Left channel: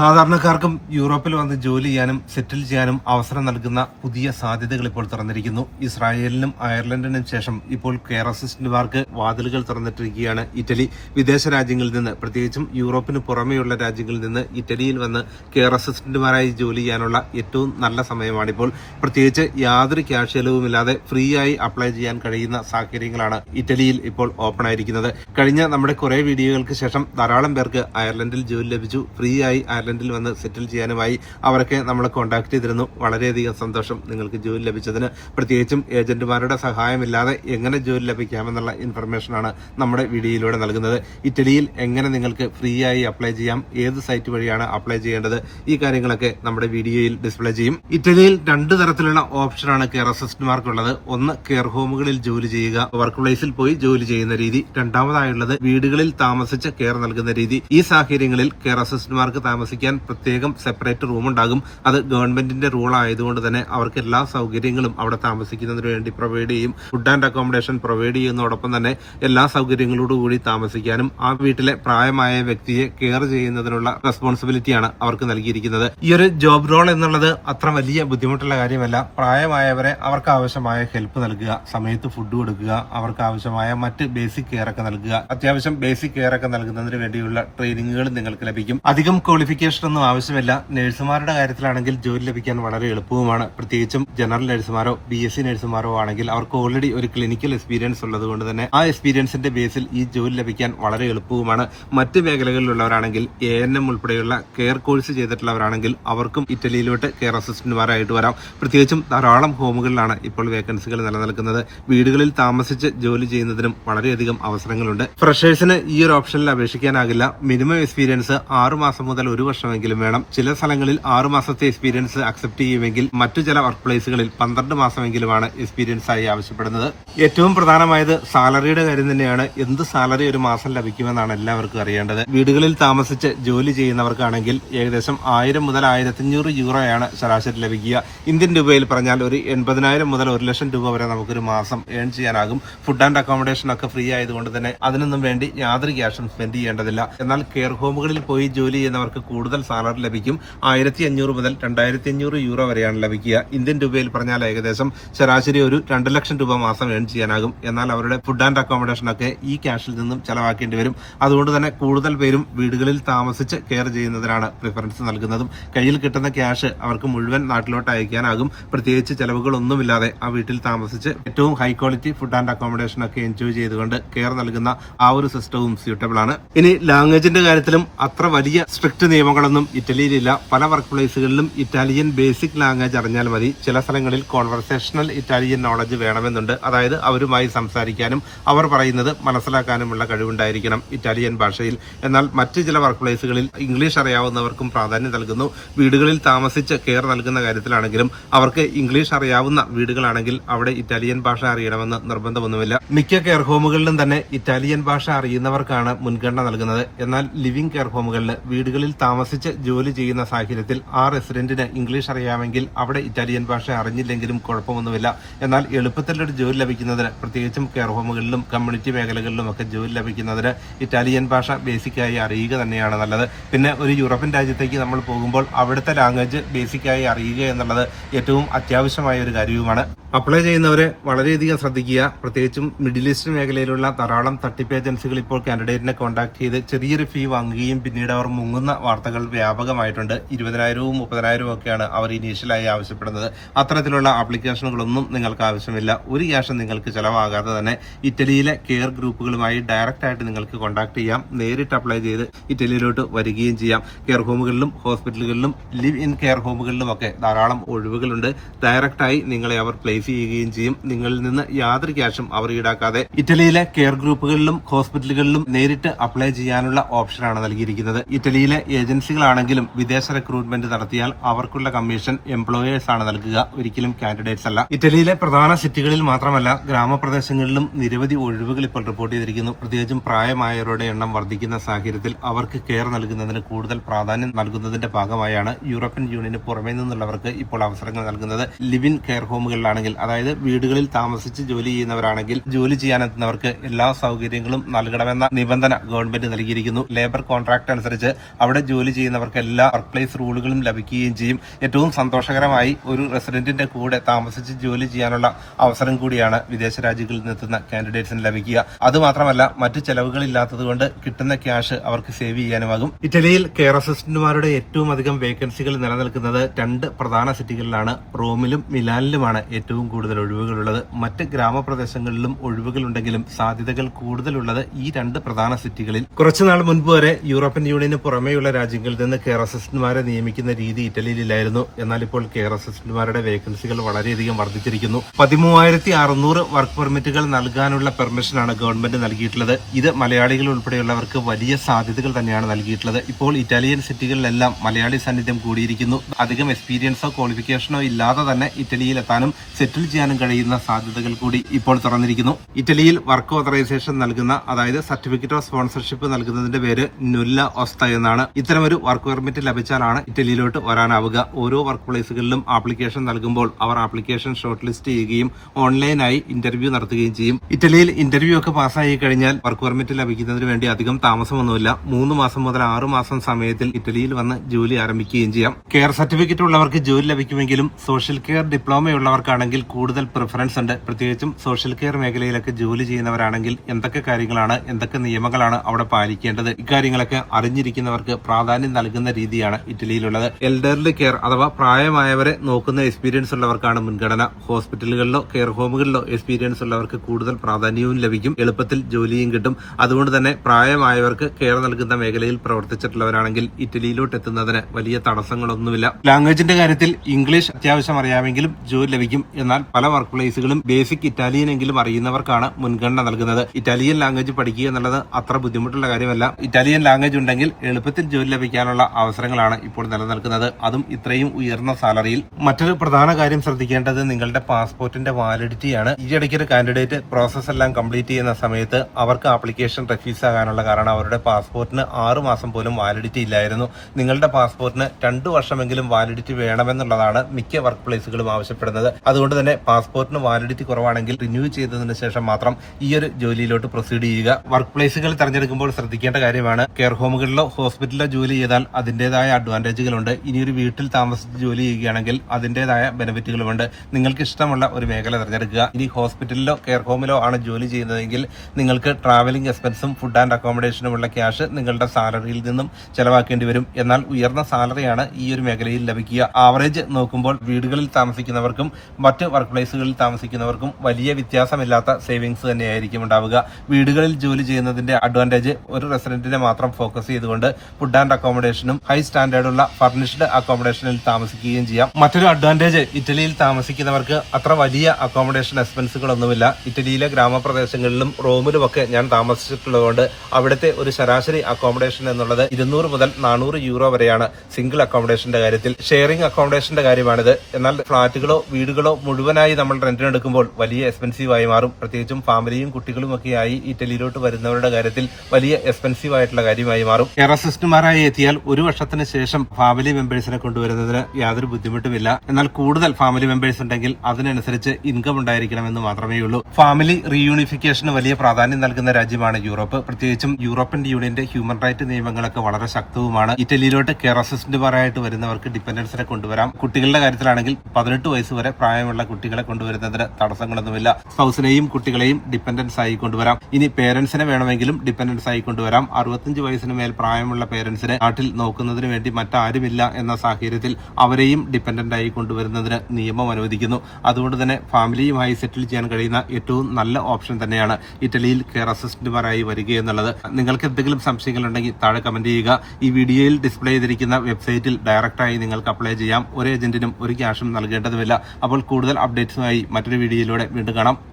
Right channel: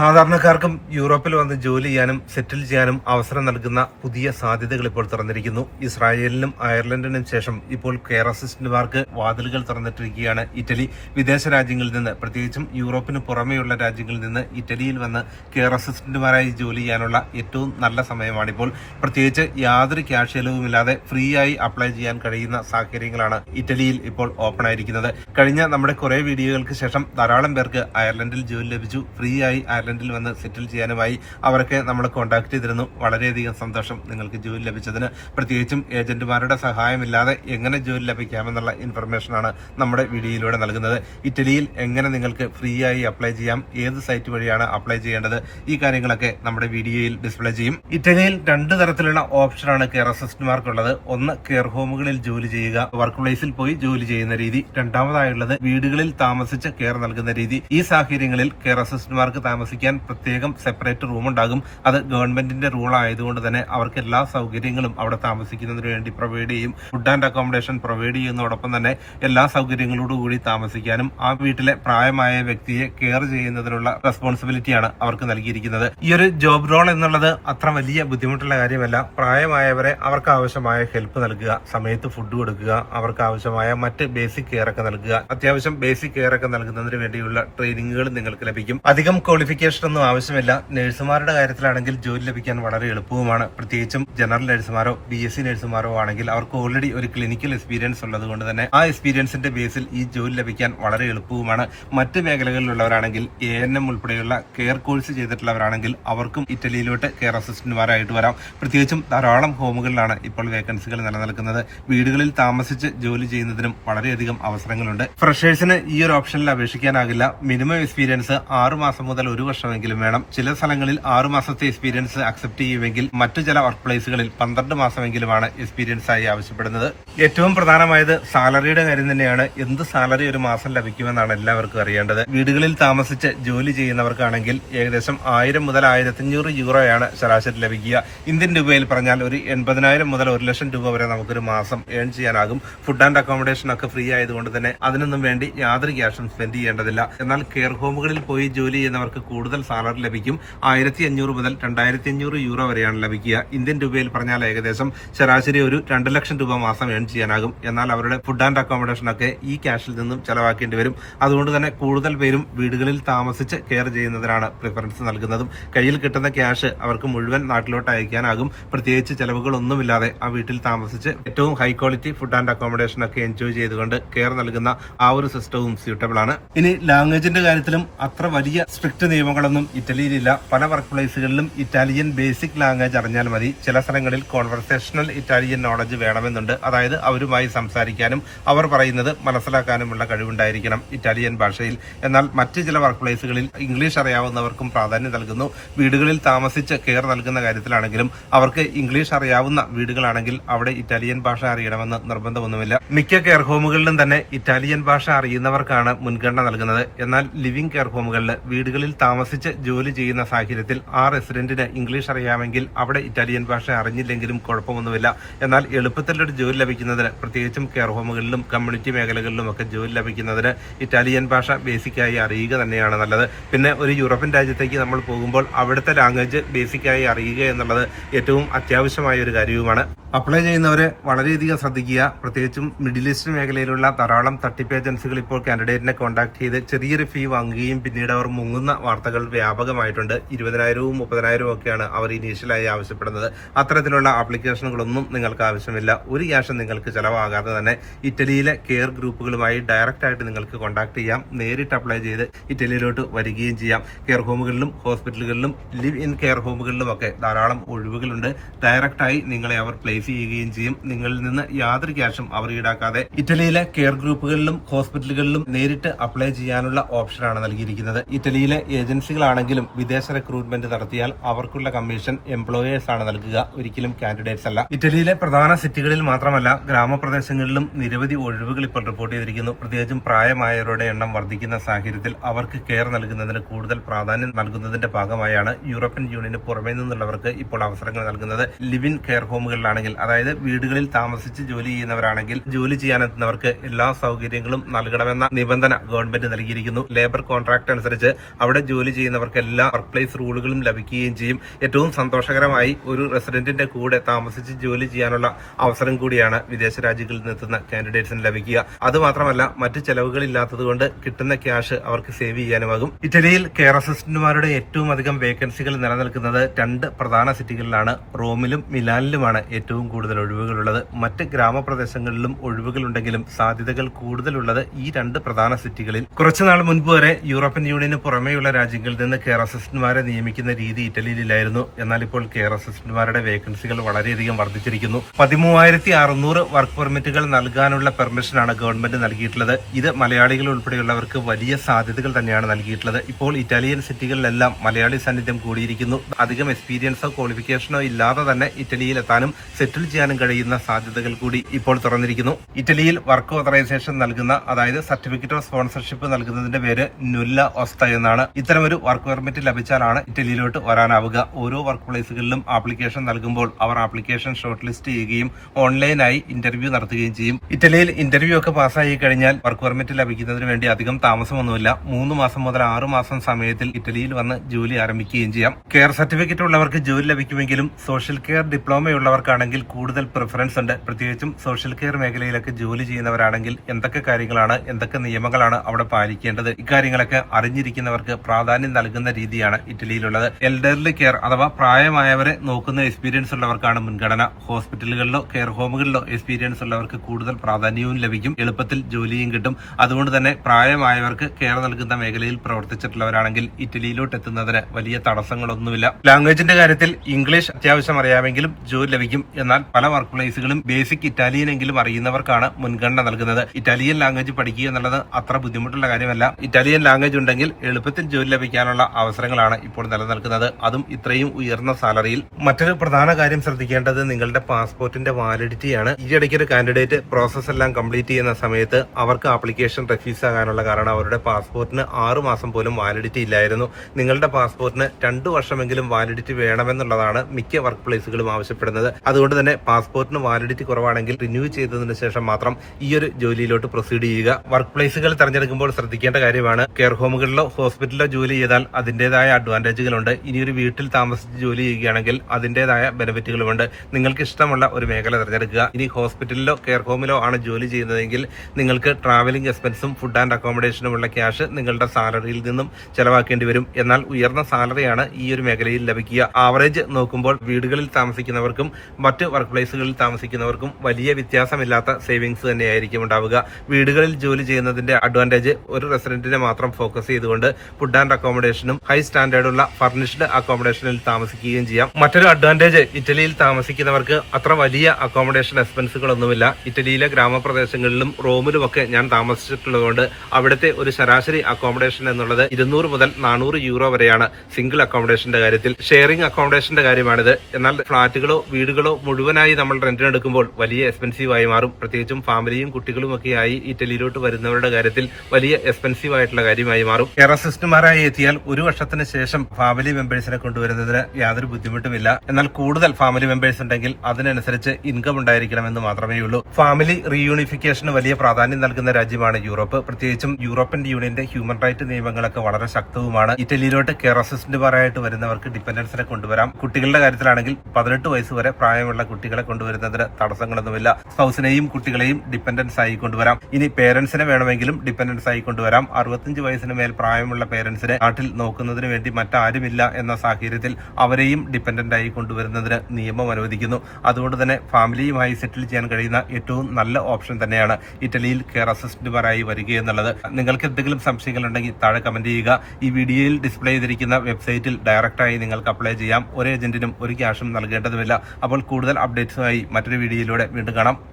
സാധാരണക്കാർക്കും യൂറോപ്പിൽ വന്ന് ജോലി ചെയ്യാനും സെറ്റിൽ ചെയ്യാനും അവസരം നൽകുന്ന പുതിയ സാധ്യതകൾ ഇപ്പോൾ തുറന്നിരിക്കുന്നു. ഇസ്രായേലിനും അയർലൻഡിനും ശേഷം ഇപ്പോൾ കെയർ അസിസ്റ്റന്റുമാർക്ക് വാതിലുകൾ തുറന്നിട്ടിരിക്കുകയാണ് ഇറ്റലി. വിദേശ രാജ്യങ്ങളിൽ നിന്ന്, പ്രത്യേകിച്ചും യൂറോപ്പിന് പുറമെയുള്ള രാജ്യങ്ങളിൽ നിന്ന് ഇറ്റലിയിൽ വന്ന് കെയർ അസിസ്റ്റന്റുമാരായി ജോലി ചെയ്യാനുള്ള ഏറ്റവും നല്ല സമയമാണിപ്പോൾ. പ്രത്യേകിച്ച് യാതൊരു ക്യാഷ് ചെലവുമില്ലാതെ ഫ്രീ ആയി അപ്ലൈ ചെയ്യാൻ കഴിയുന്ന സാഹചര്യങ്ങളാണ് ഇറ്റലിയിൽ ഇപ്പോൾ ഓപ്പൺ ആയിരിക്കുന്നത്. കഴിഞ്ഞ നമ്മുടെ കുറെ വീഡിയോകൾക്ക് ശേഷം ധാരാളം പേർക്ക് അയർലൻഡിൽ ജോലി ലഭിച്ചു. ഫ്രീ ആയി അയർലൻഡിൽ വന്ന് സെറ്റിൽ ചെയ്യാനുമായി അവരൊക്കെ നമ്മളെ കോൺടാക്ട് ചെയ്തിരുന്നു. വളരെയധികം സന്തോഷം നിങ്ങൾക്ക് ജോലി ലഭിച്ചതിന്. പ്രത്യേകിച്ചും ഏജന്റുമാരുടെ സഹായമില്ലാതെ എങ്ങനെ ജോലി ലഭിക്കാമെന്നുള്ള ഇൻഫർമേഷനാണ് നമ്മുടെ വീഡിയോയിലൂടെ നൽകുന്നത്. ഇറ്റലിയിൽ എങ്ങനെ നിങ്ങൾക്ക് ഫ്രീ ആയി അപ്ലൈ ചെയ്യാം, ഏത് സൈറ്റ് വഴിയാണ് അപ്ലൈ ചെയ്യേണ്ടത്, ഈ കാര്യങ്ങളൊക്കെ നമ്മുടെ വീഡിയോയിൽ ഡിസ്പ്ലേ ചെയ്യും. ഇറ്റലിയിൽ രണ്ട് തരത്തിലുള്ള ഓപ്ഷനാണ് കെയർ അസിസ്റ്റന്റുമാർക്കുള്ളത്. ഒന്ന്, കെയർ ഹോമുകളിൽ ജോലി ചെയ്യുക, വർക്ക് പ്ലേസിൽ പോയി ജോലി ചെയ്യുന്ന രീതി. രണ്ടാമതായുള്ളത് വീടുകളിൽ താമസിച്ച് കെയർ നൽകുന്ന രീതി. ഈ സാഹചര്യങ്ങളിൽ കെയർ അസിസ്റ്റന്റുമാർക്ക് താമസിക്കാൻ പ്രത്യേകം സെപ്പറേറ്റ് റൂം ഉണ്ടാകും. അത് ഗവൺമെന്റിന്റെ റൂൾ ആയതുകൊണ്ട് തന്നെ അവർക്ക് എല്ലാ സൗകര്യങ്ങളും അവിടെ താമസിക്കുന്നതിന് വേണ്ടി പ്രൊവൈഡ് ചെയ്യും. ഫുഡ് ആൻഡ് അക്കോമഡേഷൻ പ്രൊവൈഡ് ചെയ്യുന്നതോടൊപ്പം തന്നെ എല്ലാ സൗകര്യങ്ങളോടുകൂടി താമസിക്കാനും ആ വീട്ടിലെ പ്രായമായ വ്യക്തിയെ കെയർ ചെയ്യുന്നതിനുള്ള റെസ്പോൺസിബിലിറ്റിയാണ് അവർക്ക് നൽകിയിരിക്കുന്നത്. ഈ ഒരു ജോബ് റോൾ എന്നുള്ളത് അത്ര വലിയ ബുദ്ധിമുട്ടുള്ള കാര്യമല്ല. പ്രായമായവരെ അവർക്ക് ആവശ്യമായ ഹെൽപ്പ് നൽകുക, സമയത്ത് ഫുഡ് കൊടുക്കുക, അവർക്ക് ആവശ്യമായ മറ്റ് ബേസിക് കെയർ ഒക്കെ നൽകുക, അത്യാവശ്യം ബേസിക് കെയർ ഒക്കെ നൽകുന്നതിന് വേണ്ടിയുള്ള ട്രെയിനിങ്ങുകൾ നിങ്ങൾക്ക് ലഭിക്കും. അധികം ക്വാളിഫിക്കേഷൻ ഒന്നും ആവശ്യമില്ല. നഴ്സുമാരുടെ കാര്യത്തിലാണെങ്കിൽ ജോലി ലഭിക്കാൻ വളരെ എളുപ്പവുമാണ്. പ്രത്യേകിച്ചും ജനറൽ നഴ്സുമാരോ BSc നഴ്സുമാരോ ആണെങ്കിൽ അവർക്ക് ഓൾറെഡി ഒരു ക്ലിനിക്കൽ എക്സ്പീരിയൻസ് ഉള്ളതുകൊണ്ട് തന്നെ ആ എക്സ്പീരിയൻസിന്റെ ബേസിൽ ഈ ജോലി ലഭിക്കാൻ വളരെ എളുപ്പവുമാണ്. മറ്റ് മേഖലകളിലുള്ളവരാണെങ്കിൽ ANM ഉൾപ്പെടെയുള്ള കെയർ കോഴ്സ് ചെയ്തിട്ടുള്ളവരാണെങ്കിൽ അവർക്കും ഇറ്റലിയിലോട്ട് കെയർ അസിസ്റ്റന്റുമാരായിട്ട് വരാം. പ്രത്യേകിച്ചും ധാരാളം ഹോമുകളിലാണ് ഇപ്പോൾ വേക്കൻസികൾ നിലനിൽക്കുന്നത്. വീടുകളിൽ താമസിച്ച് ജോലി ചെയ്യുന്നതിനും വളരെയധികം അവസരങ്ങളുണ്ട്. ഫ്രഷേഴ്സിന് ഈ ഒരു ഓപ്ഷനിൽ അപേക്ഷിക്കാനാകില്ല. മിനിമം എക്സ്പീരിയൻസ് 6 മാസം മുതൽ 1 വർഷമെങ്കിലും വേണം. ചില സ്ഥലങ്ങളിൽ 6 മാസത്തെ എക്സ്പീരിയൻസ് അക്സെപ്റ്റ് ചെയ്യുമെങ്കിൽ മറ്റു ചില വർക്ക് പ്ലേസുകളിൽ 12 മാസമെങ്കിലുമാണ് എക്സ്പീരിയൻസ് ആയി ആവശ്യപ്പെടുന്നത്. ഏറ്റവും പ്രധാനമായത് സാലറിയുടെ കാര്യം തന്നെയാണ്. എന്ത് സാലറി ഒരു മാസം ലഭിക്കുമെന്നാണ് എല്ലാവർക്കും അറിയേണ്ടത്. വീടുകളിൽ താമസിച്ച് ജോലി ചെയ്യുന്നവർക്കാണെങ്കിൽ ഏകദേശം 1000 മുതൽ 1500 യൂറോയാണ് ശരാശരി ലഭിക്കുക. ഇന്ത്യൻ രൂപയിൽ പറഞ്ഞാൽ ഒരു 80,000 മുതൽ 1 ലക്ഷം രൂപ വരെ നമുക്കൊരു മാസം ഏൺ ചെയ്യാനാകും. ഫുഡ് ആൻഡ് അക്കോമഡേഷൻ ഒക്കെ ഫ്രീ ആയതുകൊണ്ട് തന്നെ അതിനൊന്നും വേണ്ടി യാതൊരു ക്യാഷും സ്പെൻഡ് ചെയ്യേണ്ടതില്ല. എന്നാൽ കെയർ ഹോമുകളിൽ പോയി ജോലി ചെയ്യുന്നവർക്ക് കൂടുതൽ സാലറി ലഭിക്കും. 1500 മുതൽ 2500 യൂറോ വരെയാണ് ലഭിക്കുക. ഇന്ത്യൻ രൂപയിൽ പറഞ്ഞാൽ ഏകദേശം ശരാശരി ഒരു 2 ലക്ഷം രൂപ മാസം ഏൺ ചെയ്യാനാകും. എന്നാൽ അവരുടെ ഫുഡ് ആൻഡ് അക്കോമഡേഷൻ ഒക്കെ ഈ ക്യാഷിൽ നിന്നും ചെലവാക്കേണ്ടി വരും. അതുകൊണ്ട് തന്നെ കൂടുതൽ പേരും വീടുകളിൽ താമസിച്ച് കെയർ ചെയ്യുന്നതിനാണ് പ്രിഫറൻസ് നൽകുന്നതും. കയ്യിൽ കിട്ടുന്ന ക്യാഷ് അവർക്ക് മുഴുവൻ നാട്ടിലോട്ട് അയക്കാനാകും. പ്രത്യേകിച്ച് ചെലവുകളൊന്നുമില്ലാതെ ആ വീട്ടിൽ താമസിച്ച് ഏറ്റവും high quality food and accommodation ഒക്കെ എൻജോയ് ചെയ്തുകൊണ്ട് കെയർ നൽകുന്ന ആ ഒരു സിസ്റ്റവും സ്യൂട്ടബിൾ ആണ്. ഇനി ലാംഗ്വേജിന്റെ കാര്യത്തിലും അത്ര വലിയ സ്ട്രിക്റ്റ് നിയമങ്ങളൊന്നും ഇറ്റലിയിലില്ല. പല വർക്ക് പ്ലേസുകളിലും ഇറ്റാലിയൻ ബേസിക് ലാംഗ്വേജ് അറിഞ്ഞാൽ മതി. ചില സ്ഥലങ്ങളിൽ കോൺവെർസേഷണൽ ഇറ്റാലിയൻ നോളജ് വേണമെന്നുണ്ട്. അതായത് അവരുമായി സംസാരിക്കാനും അവർ പറയുന്നത് മനസ്സിലാക്കാനുമുള്ള കഴിവുണ്ടായിരിക്കണം ഇറ്റാലിയൻ ഭാഷയിൽ. എന്നാൽ മറ്റ് ചില വർക്ക് പ്ലേസുകളിൽ ഇംഗ്ലീഷ് അറിയാവുന്നവർക്കും പ്രാധാന്യം നൽകുന്നു. വീടുകളിൽ താമസിച്ച് കെയർ നൽകുന്ന കാര്യത്തിലാണെങ്കിലും അവർക്ക് ഇംഗ്ലീഷ് അറിയാവുന്ന വീടുകളാണെങ്കിൽ അവിടെ ഇറ്റാലിയൻ ഭാഷ അറിയണമെന്ന് നിർബന്ധമൊന്നുമില്ല. മിക്ക കെയർ ഹോമുകളിലും തന്നെ ഇറ്റാലിയൻ ഭാഷ അറിയുന്നവർക്കാണ് മുൻഗണന നൽകുന്നത്. എന്നാൽ ലിവിംഗ് കെയർ ഹോമുകളിൽ വീടുകളിൽ താമസിച്ച് ജോലി ചെയ്യുന്ന സാഹചര്യത്തിൽ ആ റെസിഡന്റിന് ഇംഗ്ലീഷ് അറിയാമെങ്കിൽ അവിടെ ഇറ്റാലിയൻ ഭാഷ അറിഞ്ഞില്ലെങ്കിലും കുഴപ്പമൊന്നുമില്ല. എന്നാൽ എളുപ്പത്തിലൊരു ജോലി ലഭിക്കുന്നതിന്, പ്രത്യേകിച്ചും കെയർ ഹോമുകളിലും കമ്മ്യൂണിറ്റി മേഖലകളിലും ഒക്കെ ജോലി ലഭിക്കുന്നതിന് ഇറ്റാലിയൻ ഭാഷ ബേസിക്കായി അറിയുക തന്നെയാണ് നല്ലത്. പിന്നെ ഒരു യൂറോപ്യൻ രാജ്യത്തേക്ക് നമ്മൾ പോകുമ്പോൾ അവിടുത്തെ ലാംഗ്വേജ് ബേസിക്കായി അറിയുക എന്നുള്ളത് ഏറ്റവും അത്യാവശ്യമായ ഒരു കാര്യവുമാണ്. അപ്ലൈ ചെയ്യുന്നവരെ വളരെയധികം ശ്രദ്ധിക്കുക. പ്രത്യേകിച്ചും മിഡിൽ ഈസ്റ്റ് മേഖലയിലുള്ള ധാരാളം തട്ടിപ്പ് ഏജൻസികൾ ഇപ്പോൾ കാൻഡിഡേറ്റിനെ കോൺടാക്ട് ചെയ്ത് ചെറിയൊരു ഫീ വാങ്ങുകയും പിന്നീട് അവർ മുങ്ങുന്ന വാർത്തകൾ വ്യാപകമായിട്ടുണ്ട്. 20,000-വും 30,000-വും ഒക്കെയാണ് അവർ ഇനീഷ്യലായി ആവശ്യപ്പെടുന്നത്. അത്തരത്തിലുള്ള ആപ്ലിക്കേഷനുകളൊന്നും നിങ്ങൾക്ക് ആവശ്യമില്ല. ഒരു ക്യാഷും നിങ്ങൾക്ക് ചെലവാകാതെ തന്നെ ഇറ്റലിയിലെ കെയർ ഗ്രൂപ്പുകളുമായി ഡയറക്റ്റ് ആയിട്ട് നിങ്ങൾക്ക് കോൺടാക്ട് ചെയ്യാം. നേരിട്ട് അപ്ലൈ ചെയ്ത് ഇറ്റലിയിലോട്ട് വരികയും ചെയ്യാം. കെയർ ഹോമുകളിലും ഹോസ്പിറ്റലുകളിലും ലിവ് ഇൻ കെയർ ഹോമുകളിലും ഒക്കെ ധാരാളം ഒഴിവുകളുണ്ട്. ഡയറക്റ്റായി നിങ്ങളെ അവർ പ്ലേസ് ചെയ്യുകയും ചെയ്യും. നിങ്ങളിൽ നിന്ന് യാതൊരു ക്യാഷും അവർ ഈടാക്കാതെ ഇറ്റലിയിലെ കെയർ ഗ്രൂപ്പുകളിലും ഹോസ്പിറ്റലുകളിലും നേരിട്ട് അപ്ലൈ ചെയ്യാനുള്ള ഓപ്ഷനാണ് നൽകിയിരിക്കുന്നത്. ഇറ്റലിയിലെ ഏജൻസികളാണെങ്കിലും വിദേശ റിക്രൂട്ട്മെന്റ് നടത്തിയാൽ അവർക്കുള്ള കമ്മീഷൻ എംപ്ലോയേഴ്സ് ആണ് നൽകുക, ഒരിക്കലും കാൻഡിഡേറ്റ്സ് അല്ല. ഇറ്റലിയിലെ പ്രധാന സിറ്റികളിൽ മാത്രമല്ല ഗ്രാമപ്രദേശങ്ങളിലും നിരവധി ഒഴിവുകൾ ഇപ്പോൾ റിപ്പോർട്ട് ചെയ്തിരിക്കുന്നു. പ്രത്യേകിച്ചും പ്രായമായവരുടെ എണ്ണം വർദ്ധിക്കുന്ന സാഹചര്യത്തിൽ അവർക്ക് കെയർ നൽകുന്നതിന് കൂടുതൽ പ്രാധാന്യം നൽകുന്നതിന്റെ ഭാഗമായാണ് യൂറോപ്യൻ യൂണിയന് പുറമേ നിന്നുള്ളവർക്ക് ഇപ്പോൾ അവസരങ്ങൾ നൽകുന്നത്. ലിവ് ഇൻ കെയർ ഹോമുകളിലാണെങ്കിൽ, അതായത് വീടുകളിൽ താമസിച്ച് ജോലി ചെയ്യുന്നവരാണെങ്കിൽ ജോലി ചെയ്യാനെത്തുന്നവർക്ക് എല്ലാ സൗകര്യങ്ങളും നൽകണമെന്ന നിബന്ധന ഗവൺമെന്റ് നൽകിയിരിക്കുന്നു. ലേബർ കോൺട്രാക്ട് അനുസരിച്ച് അവിടെ ജോലി ജോലി ചെയ്യുന്നവർക്ക് എല്ലാ വർക്ക് പ്ലേസ് റൂളുകളും ലഭിക്കുകയും ചെയ്യും. ഏറ്റവും സന്തോഷകരമായി ഒരു റെസിഡന്റിന്റെ കൂടെ താമസിച്ച് ജോലി ചെയ്യാനുള്ള അവസരം കൂടിയാണ് വിദേശ രാജ്യങ്ങളിൽ നിന്നെത്തുന്ന കാൻഡിഡേറ്റ്സിന് ലഭിക്കുക. അതുമാത്രമല്ല മറ്റ് ചെലവുകളില്ലാത്തതുകൊണ്ട് കിട്ടുന്ന ക്യാഷ് അവർക്ക് സേവ് ചെയ്യാനുമാകും. ഇറ്റലിയിൽ കെയർ അസിസ്റ്റന്റുമാരുടെ ഏറ്റവും അധികം വേക്കൻസികൾ നിലനിൽക്കുന്നത് 2 പ്രധാന സിറ്റികളിലാണ്. റോമിലും മിലാനിലുമാണ് ഏറ്റവും കൂടുതൽ ഒഴിവുകളുള്ളത്. മറ്റ് ഗ്രാമപ്രദേശങ്ങളിലും ഒഴിവുകളുണ്ടെങ്കിലും സാധ്യതകൾ കൂടുതലുള്ളത് ഈ 2 പ്രധാന സിറ്റികളിൽ. കുറച്ചുനാൾ മുൻപ് വരെ യൂറോപ്യൻ യൂണിയന് പുറമെയുള്ള രാജ്യങ്ങളിൽ നിന്ന് കെയർ അസിസ്റ്റന്റുമാരെ നിയമിക്കുന്ന രീതി ഇറ്റലിയിലായിരുന്നു. എന്നാൽ ഇപ്പോൾ കെയർ അസിസ്റ്റന്റുമാരുടെ വേക്കൻസികൾ വളരെയധികം വർദ്ധിച്ചിരിക്കുന്നു. 13,600 വർക്ക് പെർമിറ്റുകൾ നൽകാനുള്ള പെർമിഷനാണ് ഗവൺമെന്റ് നൽകിയിട്ടുള്ളത്. ഇത് മലയാളികൾ ഉൾപ്പെടെയുള്ളവർക്ക് വലിയ സാധ്യതകൾ തന്നെയാണ് നൽകിയിട്ടുള്ളത്. ഇപ്പോൾ ഇറ്റാലിയൻ സിറ്റികളിലെല്ലാം മലയാളി സാന്നിധ്യം കൂടിയിരിക്കുന്നു. അധികം എക്സ്പീരിയൻസോ ക്വാളിഫിക്കേഷനോ ഇല്ലാതെ തന്നെ ഇറ്റലിയിൽ എത്താനും സെറ്റിൽ ചെയ്യാനും കഴിയുന്ന സാധ്യതകൾ കൂടി ഇപ്പോൾ തുറന്നിരിക്കുന്നു. ഇറ്റലിയിൽ വർക്ക് ഓതറൈസേഷൻ നൽകുന്ന, അതായത് സർട്ടിഫിക്കറ്റ് ഓഫ് സ്പോൺസർഷിപ്പ് നൽകുന്നതിന്റെ പേര് നുല്ല ഒസ്ത എന്നാണ്. ഇത്തരമൊരു വർക്ക് പെർമിറ്റ് ലഭിച്ചാലാണ് ഇറ്റലിയിലോട്ട് വരാനാവുക. ഓരോ വർക്ക് പ്ലേസുകളിലും ആപ്ലിക്കേഷൻ നൽകുമ്പോൾ അവർ ആപ്ലിക്കേഷൻ ഷോർട്ട് ലിസ്റ്റ് ചെയ്യുകയും ഓൺലൈനായി ഇന്റർവ്യൂ നടത്തുകയും ചെയ്യും. ഇറ്റലിയിൽ ഇന്റർവ്യൂ ഒക്കെ പാസ്സായി കഴിഞ്ഞാൽ വർക്ക് പെർമിറ്റ് ലഭിക്കുന്നതിന് വേണ്ടി അധികം താമസമൊന്നുമില്ല. 3 മാസം മുതൽ 6 മാസം സമയത്തിൽ ഇറ്റലിയിൽ വന്ന് ജോലി ആരംഭിക്കുകയും ചെയ്യാം. കെയർ സർട്ടിഫിക്കറ്റ് ഉള്ളവർക്ക് ജോലി ലഭിക്കുമെങ്കിലും സോഷ്യൽ കെയർ ഡിപ്ലോമയുള്ളവർക്കാണെങ്കിൽ കൂടുതൽ പ്രിഫറൻസ് ഉണ്ട്. പ്രത്യേകിച്ചും സോഷ്യൽ കെയർ മേഖലയിലൊക്കെ ജോലി ചെയ്യുന്നവരാണെങ്കിൽ എന്തൊക്കെ കാര്യങ്ങളാണ്, എന്തൊക്കെ നിയമങ്ങളാണ് അവിടെ പാലിക്കേണ്ടത്, ഇക്കാര്യങ്ങളൊക്കെ അറിഞ്ഞിരിക്കുന്നവർക്ക് പ്രാധാന്യം നൽകുന്ന രീതിയാണ് ഇറ്റലിയിലുള്ളത്. എൽഡർലി കെയർ അഥവാ പ്രായമായവരെ നോക്കുന്ന എക്സ്പീരിയൻസ് ഉള്ളവർക്കാണ് മുൻഗണന. ഹോസ്പിറ്റലുകളിലോ കെയർ ഹോമുകളിലോ എക്സ്പീരിയൻസ് ഉള്ളവർക്ക് കൂടുതൽ പ്രാധാന്യവും ലഭിക്കും, എളുപ്പത്തിൽ ജോലിയും കിട്ടും. അതുകൊണ്ട് തന്നെ പ്രായമായവർക്ക് കെയർ നൽകുന്ന മേഖലയിൽ പ്രവർത്തിച്ചിട്ടുള്ളവരാണെങ്കിൽ ഇറ്റലിയിലോട്ട് എത്തുന്നതിന് വലിയ തടസ്സങ്ങളൊന്നുമില്ല. ലാംഗ്വേജിന്റെ കാര്യത്തിൽ ഇംഗ്ലീഷ് അത്യാവശ്യം അറിയാമെങ്കിലും ജോലി ലഭിക്കും. എന്നാൽ പല വർക്ക് പ്ലേസുകളും ബേസിക് ഇറ്റാലിയൻ എങ്കിലും അറിയുന്നവർക്കാണ് മുൻഗണന നൽകുന്നത്. ഇറ്റാലിയൻ ലാംഗ്വേജ് പഠിക്കുക എന്നുള്ളത് അത്ര ബുദ്ധിമുട്ടുള്ള കാര്യമല്ല. ഇറ്റാലിയൻ ലാംഗ്വേജ് ഉണ്ടെങ്കിൽ എളുപ്പത്തിൽ ജോലി ലഭിക്കാനുള്ള അവസരങ്ങളാണ് ഇപ്പോൾ നിലനിൽക്കുന്നത്, അതും ഇത്രയും ഉയർന്ന സാലറിയിൽ. മറ്റൊരു പ്രധാന കാര്യം ശ്രദ്ധിക്കേണ്ടത് നിങ്ങളുടെ പാസ്പോർട്ടിന്റെ വാലിഡിറ്റിയാണ്. ഈ ഇടയ്ക്കൊരു കാൻഡിഡേറ്റ് പ്രോസസ് എല്ലാം കംപ്ലീറ്റ് ചെയ്യുന്ന സമയത്ത് അവർക്ക് ആപ്ലിക്കേഷൻ റെഫ്യൂസ് ആകാനുള്ള കാരണം അവരുടെ പാസ്പോർട്ടിന് 6 മാസം പോലും വാലിഡിറ്റി ഇല്ലായിരുന്നു. നിങ്ങളുടെ പാസ്പോർട്ടിന് 2 വർഷമെങ്കിലും വാലിഡിറ്റി വേണമെന്നുള്ളതാണ് മിക്ക വർക്ക് പ്ലേസുകളും ആവശ്യപ്പെടുന്നത്. അതുകൊണ്ട് തന്നെ പാസ്പോർട്ടിന് വാലിഡിറ്റി കുറവാണെങ്കിൽ റിന്യൂ ചെയ്തതിനു ശേഷം മാത്രം ഈ ഒരു ജോലിയിലോട്ട് പ്രൊസീഡ് ചെയ്യുക. വർക്ക് പ്ലേസുകൾ തിരഞ്ഞെടുക്കുമ്പോൾ ശ്രദ്ധിക്കേണ്ട കാര്യമാണ്. കെയർ ഹോമുകളിലോ ഹോസ്പിറ്റലിലോ ജോലി ചെയ്താൽ അതിന്റേതായ അഡ്വാൻറ്റേജുകളുണ്ട്. ഇനിയൊരു വീട്ടിൽ താമസിച്ച് ജോലി ചെയ്യുകയാണെങ്കിൽ അതിന്റേതായ ബെനിഫിറ്റുകളുമുണ്ട്. നിങ്ങൾക്ക് ഇഷ്ടമുള്ള ഒരു മേഖല തിരഞ്ഞെടുക്കുക. ഇനി ഹോസ്പിറ്റലിലോ കെയർ ഹോമിലോ ആണ് ജോലി ചെയ്യുന്നതെങ്കിൽ നിങ്ങൾക്ക് ട്രാവലിംഗ് എക്സ്പെൻസും ഫുഡ് ആൻഡ് അക്കോമഡേഷനുമുള്ള ക്യാഷ് നിങ്ങളുടെ സാലറിയിൽ നിന്നും ചെലവാക്കേണ്ടി വരും. എന്നാൽ ഉയർന്ന സാലറിയാണ് ഈ ഒരു മേഖലയിൽ ലഭിക്കുക. ആവറേജ് നോക്കുമ്പോൾ വീടുകളിൽ താമസിക്കുന്നവർക്കും മറ്റ് വർക്ക് പ്ലേസുകളിൽ താമസിക്കുന്നവർക്കും വലിയ വ്യത്യാസമില്ലാത്ത സേവിങ്സ് തന്നെയായിരിക്കും ഉണ്ടാവുക. വീടുകളിൽ ജോലി ചെയ്യുന്നതിന്റെ അഡ്വാൻറ്റേജ് ഒരു റെസിഡന്റിനെ മാത്രം ഫോക്കസ് ചെയ്തുകൊണ്ട് ഫുഡ് ആൻഡ് അക്കോമഡേഷനും ഹൈ സ്റ്റാൻഡേർഡുള്ള ഫർണിഷ്ഡ് അക്കോമഡേഷനിൽ താമസിക്കുകയും ചെയ്യാം. മറ്റൊരു അഡ്വാൻറ്റേജ് ഇറ്റലിയിൽ താമസിക്കുന്നവർക്ക് അത്ര വലിയ അക്കോമഡേഷൻ എക്സ്പെൻസുകളൊന്നുമില്ല. ഇറ്റലിയിലെ ഗ്രാമപ്രദേശങ്ങളിലും റോമിലുമൊക്കെ ഞാൻ താമസിച്ചിട്ടുള്ളതുകൊണ്ട് അവിടുത്തെ ഒരു ശരാശരി അക്കോമഡേഷൻ എന്നുള്ളത് 200 മുതൽ 400 യൂറോ വരെയാണ് സിംഗിൾ അക്കോമഡേഷന്റെ കാര്യത്തിൽ. ഷെയറിംഗ് അക്കോമഡേഷന്റെ കാര്യമാണിത്. എന്നാൽ ഫ്ളാറ്റുകളോ വീടുകളോ മുഴുവനായി നമ്മൾ റെന്റിനെടുക്കുമ്പോൾ വലിയ എക്സ്പെൻസീവ് ആയി മാറും. പ്രത്യേകിച്ചും ഫാമിലിയും കുട്ടികളും ഒക്കെയായി ഇറ്റലിയിലോട്ട് വരുന്നവരുടെ കാര്യത്തിൽ വലിയ എക്സ്പെൻസീവ് ആയിട്ടുള്ള കാര്യമായി മാറും. കെയർ അസിസ്റ്റന്റുമാരായി എത്തിയാൽ 1 വർഷത്തിന് ശേഷം ഫാമിലി മെമ്പേഴ്സിനെ കൊണ്ടുവരുന്നതിന് യാതൊരു ബുദ്ധിമുട്ടുമില്ല. എന്നാൽ കൂടുതൽ ഫാമിലി മെമ്പേഴ്സ് ഉണ്ടെങ്കിൽ അതിനനുസരിച്ച് ഇൻകം ഉണ്ടായിരിക്കണമെന്ന് മാത്രമേ ഉള്ളൂ. ഫാമിലി റീയൂണിഫിക്കേഷന് വലിയ പ്രാധാന്യം നൽകുന്ന രാജ്യമാണ് യൂറോപ്പ്. പ്രത്യേകിച്ചും യൂറോപ്യൻ യൂണിയന്റെ ഹ്യൂമൻ റൈറ്റ് നിയമങ്ങളൊക്കെ വളരെ ശക്തവുമാണ്. ഇറ്റലിയിലോട്ട് കെയർ അസിസ്റ്റന്റുമാരായിട്ട് വരുന്നവർക്ക് ഡിപെൻഡൻസിനെ കൊണ്ടുവരാം. കുട്ടികളുടെ കാര്യത്തിലാണെങ്കിൽ 18 വയസ്സ് വരെ പ്രായമുള്ള കുട്ടികളെ കൊണ്ടുവരുന്നതിന് തടസ്സങ്ങളൊന്നുമില്ല. സ്പൗസിനെയും കുട്ടികളെയും ഡിപെൻഡൻസ് ആയി കൊണ്ടുവരാം. ഇനി പേരൻസിനെ വേണമെങ്കിലും ഡിപെൻഡൻസ് ആയി കൊണ്ടുവരാം. 65 വയസ്സിന് മേൽ പ്രായമുള്ള പേരൻസിനെ നാട്ടിൽ നോക്കുന്നതിന് വേണ്ടി മറ്റാരുമില്ല എന്ന സാഹചര്യത്തിൽ അവരെയും ഡിപെൻഡന്റ് ആയി കൊണ്ടുവരുന്നതിന് നിയമം അനുവദിക്കുന്നു. അതുകൊണ്ട് തന്നെ ഫാമിലിയുമായി സെറ്റിൽ ചെയ്യാൻ കഴിയുന്ന ഏറ്റവും നല്ല ഓപ്ഷൻ തന്നെയാണ് ഇറ്റലിയിൽ കെയർ അസിസ്റ്റന്റുമാരായി വരിക എന്നുള്ളത്. നിങ്ങൾക്ക് എന്തെങ്കിലും സംശയങ്ങളുണ്ടെങ്കിൽ താഴെ കമന്റ് ചെയ്യുക. ഈ വീഡിയോയിൽ ഡിസ്പ്ലേ ചെയ്തിരിക്കുന്ന വെബ്സൈറ്റിൽ ഡയറക്റ്റായി നിങ്ങൾക്ക് അപ്ലൈ ചെയ്യാം. ഒരു ഏജന്റിനും ഒരു ക്യാഷും നൽകേണ്ടതുമില്ല. അപ്പോൾ കൂടുതൽ അപ്ഡേറ്റ്സുമായി മറ്റൊരു വീഡിയോയിലൂടെ വീണ്ടും കാണാം.